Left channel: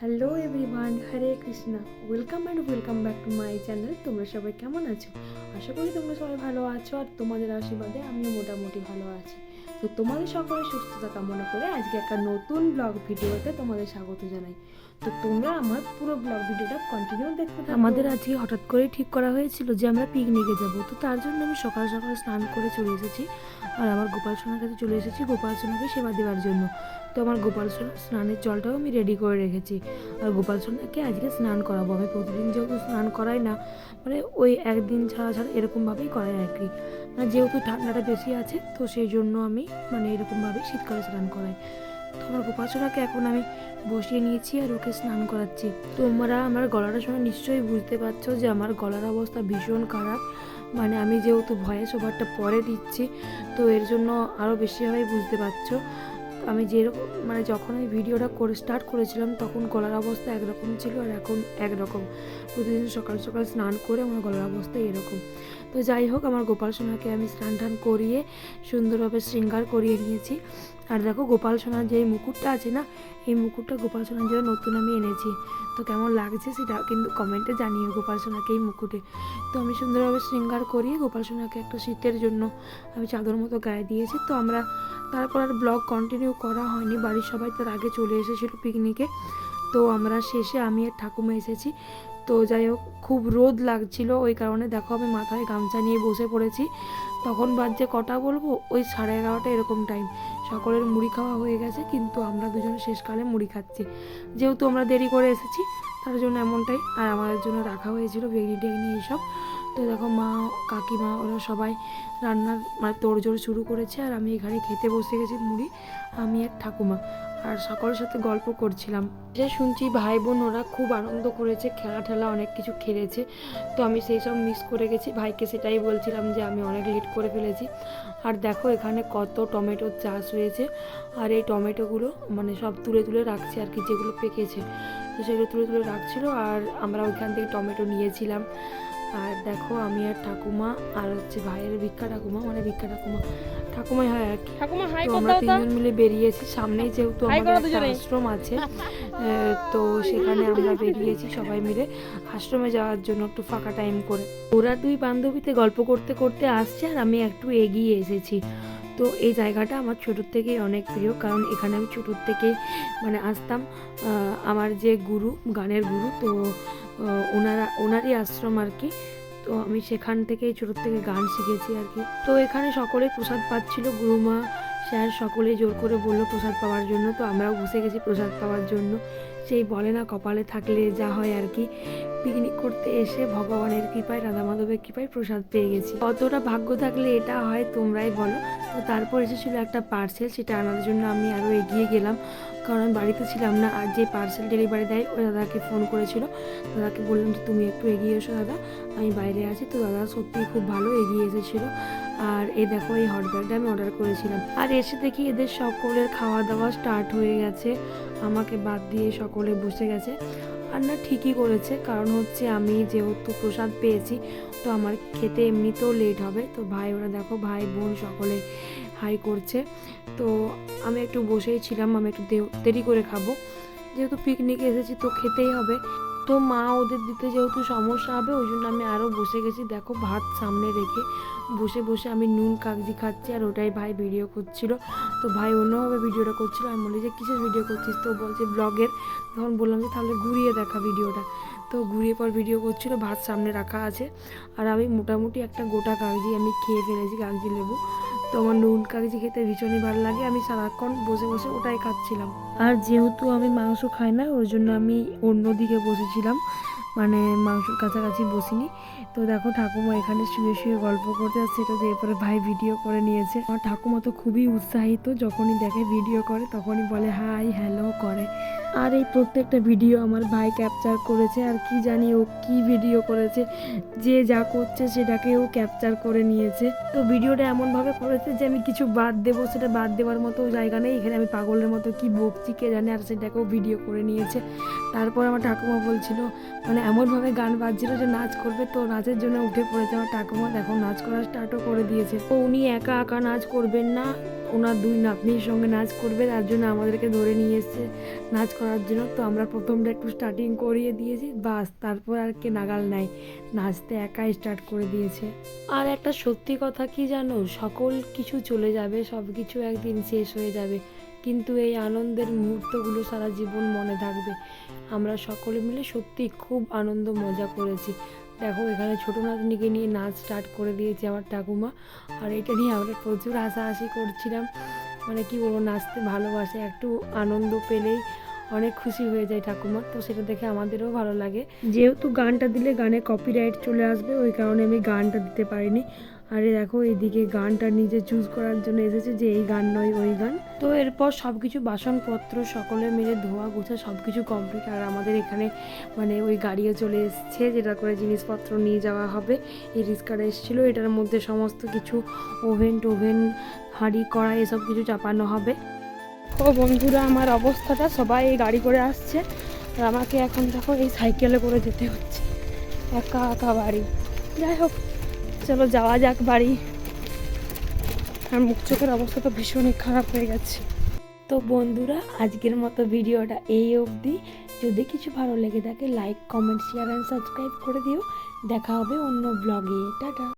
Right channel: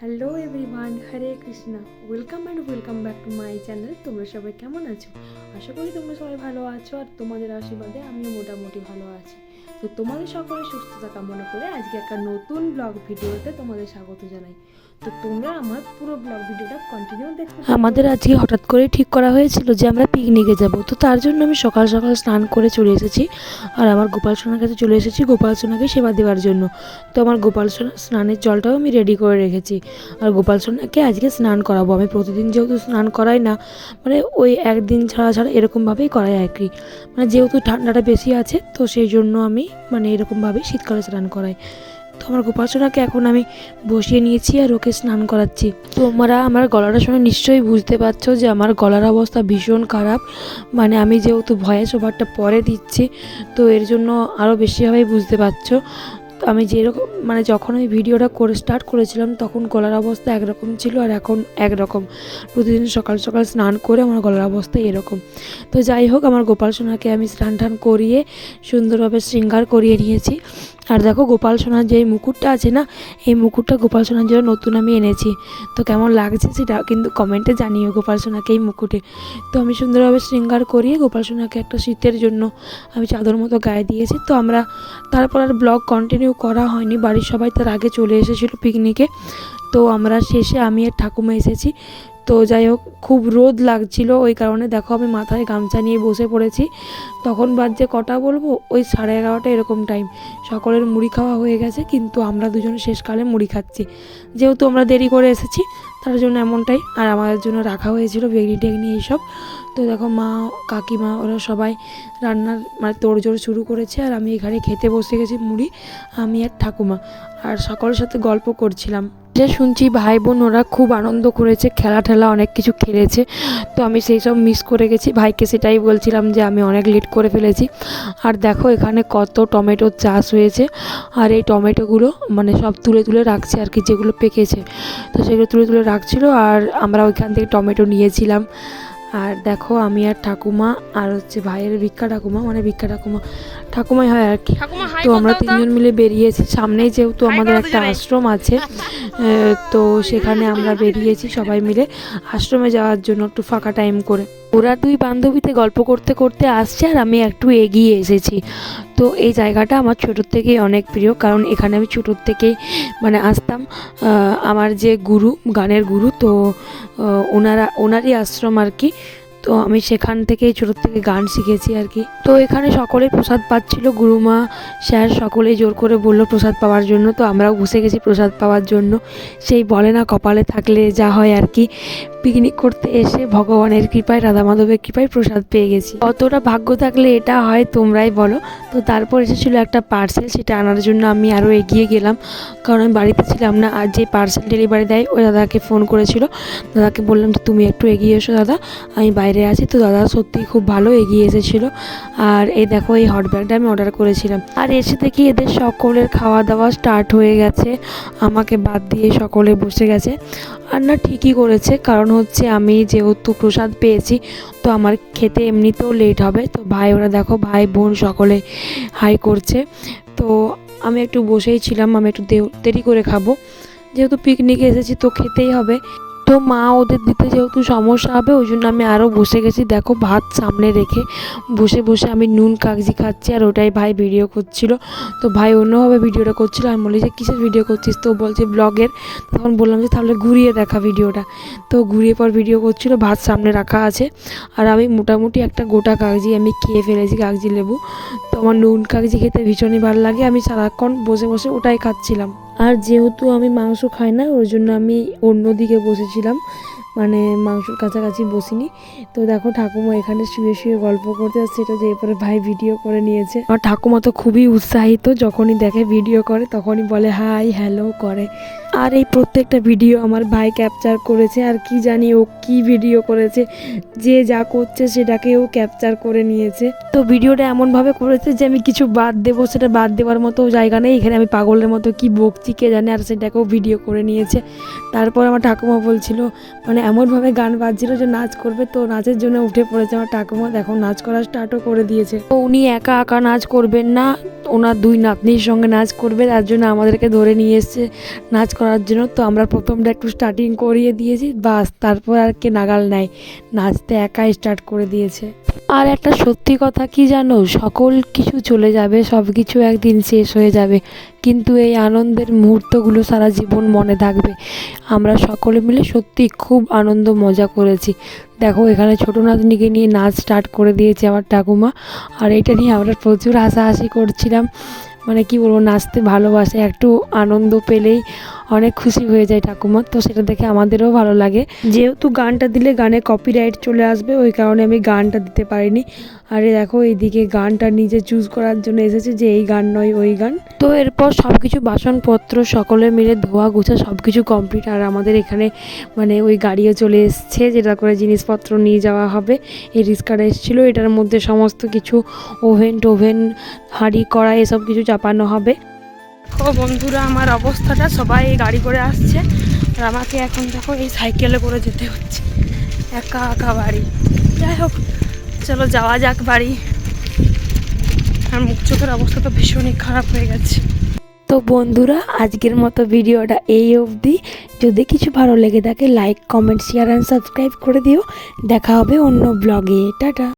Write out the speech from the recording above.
Hello everyone, Hare Krishna. Welcome and welcome back to my channel. তোমরা সবাই কেমন আছো? আশা করি তোমরা সবাই ভালো আছো, আর তোমাদের আশীর্বাদে আমিও মোটামুটি ভালো আছি। তো তোমাদের সকলের সুস্থতা কামনা করে আজকে একটা নতুন ব্লগ ভিডিওতে তোমাদের স্বাগত জানাই। তো তোমরা আমার পুরো ব্লগ ভিডিওটা কন্টিনিউ দেখতে থাকো। আমাদের আজকে হঠাৎ করে ঠিক করা হয়েছিল যে আমরা পিকনিকে যাব, তো তার জন্য আমি সকাল সকাল স্নান করে চলে এসেছি, আর আমার গোপাল সোনার কাছে চলে এসেছি গোপাল সোনাকে সেবা দেওয়ার জন্য। তো আমার গোপাল সোনার স্নানের জলটাও আমি রেডি করে রেখেছি, আর গোপাল সোনাকে আজকে স্নান করাবো। আমি প্রতিদিন যেহেতু স্নান করাই না, মানে ওই একদিন ছাড়া ছাড়া এরকমভাবেই করাই আর কি। মানে যেহেতু ঠান্ডাটা বেশি আছে, তো সেই জন্য আমি মানে এরকমভাবেই শীতকালে স্নান করাই। তো আমার গোপাল সোনাকে এখন আমি বসিয়ে নিয়েছি আর ওকে স্নান করাচ্ছি। তোমরা আমার গলাটা শুনে নিশ্চয়ই বুঝতে পারছো যে আমার গলার অবস্থা ভীষণ খারাপ। মানে আমি যেহেতু ভয়েস ওভারটা পরে দিচ্ছি, তো এর জন্য আরও বেশিভাবেই বুঝতে পারছো। আমি যেরকম মানে যখন আমি ভিডিওটা করে স্টার্ট করেছিলাম তখন গলার অবস্থা একরকম ছিল, আর এখন একরকম। প্রতিদিন সকাল সকাল স্নান করে আমার গলার অবস্থা এরকম। তো যাই হোক, আমার গোপাল সোনাকে আমি স্নান টান করিয়ে সুন্দরভাবে শৃঙ্গার করিয়ে নিয়েছি। আর দেখো, গোপাল সোনার যে মুকুটটা আছে না, এই মুকুটটা গোপাল সোনার জন্য নতুন আমি এনেছি। তো কেমন লাগছে সেটা কিন্তু কমেন্টে জানিও গোপাল সোনাকে এই মুকুটে। তো আমি সুন্দরভাবে শৃঙ্গার করিয়ে গোপাল সোনাকে একটা শীতের জন্য আমি চাদর মতো গায়ে দিয়েছি। তো আমরা তারপর আর ব্লগ কন্টিনিউ করা হয়নি, বাড়ির সবাই তার আগে চলে এসেছিলো পিকনিকে। তো আমরা শেষে আমি আর ঠাকুমা এসেছি। তো যাই হোক, খুব রোদ লাগছিল, ওই কারণে দেখো আমি মাথায় গামছা নিয়ে বসে পড়েছি। তখন বাজছে কটা বলবো, ওই 11:30 এরকম টাইম। সকলের মুড়ি খাওয়া হয়ে গেছে, কিন্তু আমরা দুজন শেষকালে মুড়ি খাচ্ছি। যেহেতু আমরা দেরি করে এসেছি তার জন্য এমনটাই। আর আমাদের জন্য রাখা হয়েছিল বেগনি টেগনি এইসব। তো দেখো, মা কাকিমা ওরা সবাই রান্নার মানে তোড়জোড় শুরু করেছে, আর আমি এখানে খেতে বসে গেছি মুড়ি, আমি আর ঠাকুমা। আর সকলের সাথে গল্প করছিলাম। যা শুনছি ভাই বোন ওরা খুব আনন্দ করেছে, খেলা ঠেলা অনেক কিছু খেলেছে। তো আমি সেই সব মিস করে গেছি, ভাইকে সেটাই বলছিলাম যে আমি অনেক লেট করে ফেলেছি। আর দেখো এখানে কত টমেটোর চাষ হয়েছে, আর এই টমেটোগুলো মানে সব তুলে তুলে রাখছে আর কি, যেগুলো পেকেছে তো সেগুলো তুলে তুলে রাখছিল, আর আমরা ওইখান থেকে টমেটো নিয়েছিলাম। আর দেখো আমি আর ঠাকুমা আর হচ্ছে ভাইয়ের ভিক্ষা ঠাকুমা, মানে ভিক্ষা ঠাকুমাই হয় আর কি। তো আমরা তিনজন মিলে বেরিয়েছি। সামনেই যেহেতু আমাদের একটা আশ্রম আছে, তো সেখানে আমরা বেরিয়েছি সবাই মিলে আশ্রমে যাওয়ার জন্য একটু ফাঁকা টাইম করে। ওরা দুই বান্ধবীতে গল্প করতে করতে আসছে, আর আমি একটু এগিয়ে এসেছি। তো এই জায়গাটা আমার ছোটোর থেকেই অনেক প্রিয়, কারণ এখানে আমি ছোটোর থেকেই মানে আসতাম। আমার যে গুরু, গানের গুরু, তো ওনারই আশ্রম আর কি। তো আমি সেখান থেকেই ছোটোর থেকে গান শিখেছি আর কি। তো এখানে সকলেই প্রসাদ পাচ্ছিল, গুরুমা স্যার সকলেই জোর করে বললো প্রসাদ পাওয়ার জন্য। তো আমরাও বসে গেছি প্রসাদ পাওয়ার জন্য। সেই বলে না, কপালে থাকলে যা হয় আর কি। পিকনিক করতে এসে ভগবানের কৃপায়, রাধা মাধবের কৃপায় প্রসাদ পেয়ে গেছি। অতটা ভাগ্য থাকলে এটা হয় তোমরাই বলো। তো তারপর এসেছিলো একটা পার্সেল, সেটা আনার জন্য আমি আরও এগিয়ে গেলাম, কারণ আমি বাড়িতে ছিলাম না। আর যে পার্সেল ডেলিভারি দেয় ওই দাদাকে ফোন করেছিল, দাদাকে বললাম যে তুমি একটু এগিয়ে এসো দাদা, আমি বাইরে আছি। তো দাদা সত্যিই খুব ভালো এগিয়ে এসেছিলো। আর এই দেখো, এই হট ব্যাগটা আমি অর্ডার করেছিলাম। আর এসে দেখি এদের সকলের খাওয়া দাওয়া স্টার্ট হয়ে গেছে, আমাকে বাদ দিয়ে সকলে বসে গেছে। আর না, ঠিকই করেছে, কারণ হচ্ছে আমি যেহেতু প্রসাদ পেয়েছি, তো আমার খেতে এমনিতেও লেট হবে। তো ভাই ওরা দেখো, ভাই বোন সকলে হাই করছে। তো আমি একটু বসেই ছিলাম, আমি একটু দেরি করে খাবো, যেহেতু পিকনিকে এসেছি তো খেতেই হবে। তো মা ওদের দিতে যেহেতু সমস্যা হবে, ওই জন্য আমি আরও বসে গেছি। দেখো, ভাত সামনে রেখে বসে বসে আমি নুন কাগজি খাচ্ছি, আর ওটাই ভাই ভিডিও করছিল। তো ভাই অন্যভাবে ভিডিওটা করছিল, আমি বলি যে কিসের ভিডিও করছিস, তো বলছে ব্লগের। তখন বললাম যে তাহলে ঘুরিয়ে দেখা ভিডিওটা। তো ঘুরিয়ে পর ভিডিও করছিল, ভাত সামনে রাখা আছে, আর আমি মোটামুটি একটা গোটা কাগজি আমি খেয়ে ফেলেছি, কাগজি লেবু। তো আমার নুন কাগজি খেতে ভীষণই ভালো লাগে, আমি সারাক্ষণ বসে বসে ওটাই খাচ্ছিলাম। আর যেহেতু আমি মাংস খাই না, ওই জন্য আমি অন্যদিকে বসেছিলাম, মানে মাংসর কাছাকাছি বসিনি। তো দেখো, ঠাকুমা এখানে শুয়ে শুয়ে গল্প করতে আসছে, এটা যে এরপরে ভাই ভিডিও করে নিয়েছে। আর ঠাকুমা তো খুবই উৎসাহিত, যখনই দেখে ভিডিও করে তখনই বলে হাই হ্যালো করে। আর এই প্রত্যেকটা ভিডিও আমার ভাই ক্যাপচার করেছে, আর কি জানি ও কি ভিডিও করেছে, যে যা করছে সেটাকে ও ক্যাপচার করে নিয়েছে। তো ভিডিওটা এমনভাবে করেছে যে আমি কিছু বাদ দেবো, সেটা বাদ দেওয়ার মতো জায়গা নেই এখানে, আমি পাগলের মতো কি বকছি কে জানে, আর সেটাকেও ভিডিও করে নিয়েছে। তারপর আমার ঠাকুমা বলছিল, মানে এমনভাবে গান বাজছিল যে নাচ করবে, তো নাচের জন্য উঠে পড়েছে আমার ঠাকুমা। দেখো, নাচ করা স্টার্টও করে দিয়েছে। তো উনি একা একা নাচ করবেন না, ওনার দুই নাতনির সঙ্গে নাচ করবে, তার জন্য আমাদেরকে ধরে নিয়ে এসছে নাচ করার করার জন্য। তো আমরা প্রথমটা একটু স্টার্টিং করিয়ে দিয়েছি, বাস তারপর আর কে নাগাল নাই, নাচতে একাই স্টার্ট করে দিয়েছে। আর একটা সত্যি কথা কি জানো, সকল কিছু চলে যাবে, সব কিছু একদিন শেষ হয়ে যাবে, কিন্তু এই আনন্দের মুহূর্তগুলো সারা জীবন মনে থাকবে। আমরা সকলে মিলে সত্যি খুব আনন্দ মজা করেছি। দেখো এখানে ছোটো নাতনিকে নিয়ে নাচ স্টার্ট করে দিয়েছে আমার ঠাকুমা, আর এটা নিয়ে আমরা প্রচুর হাসাহাসি করছিলাম। মানে কি বলবো, নাচতে ভালোবাসে, একটু আনন্দ পেলেই অনেক খুশি হয়ে যায় ঠাকুমা, তো সেটা দেখে আমাদেরও ভালো লাগে। যেহেতু গানটা দিলে গানে কপিরাইট চলে আসবে, ওই কারণে আমি গানটা দিতে পারিনি। আরে দেখো এইদিকে গানটা নিজে চুজ করার জন্য এসেছে যে এই গান নয় ওই গান। তো এরপর সব কিছু বাসনপত্র সকলে মিলে ধোয়া গোছা সব কিছু কমপ্লিট, আর আমাদের এখানে মানে ওই গাড়িও চলে এসছে যেটা করে জিনিসপত্র নিয়ে যাওয়া হবে। এই রিস্কাটা এসেছিলো, এটার মধ্যে সমস্ত কিছু ওভেন হাঁড়ি কড়াই এসব কিছু চাপানো হবে। ও বন্ধুরা, আমার অবস্থাটা, সবাই এই গাড়ি করে আসছে আর আমাকে এখন দেখো এই সাইকেলে করে যেতে হচ্ছে, একা একা বাড়ি। যাই হোক চলো যাওয়া যাক বাড়ি। আর মুখ চোখের অবস্থা তো ভীষণই খারাপ হয়ে গেছে। তো বন্ধুরা, আজকের মতো ভিডিওটা এই অবধি। যদি কিছু ভালো লেগে থাকে like comment share and subscribe করে দিও। দেখা হবে অন্য ব্লগে। টাটা।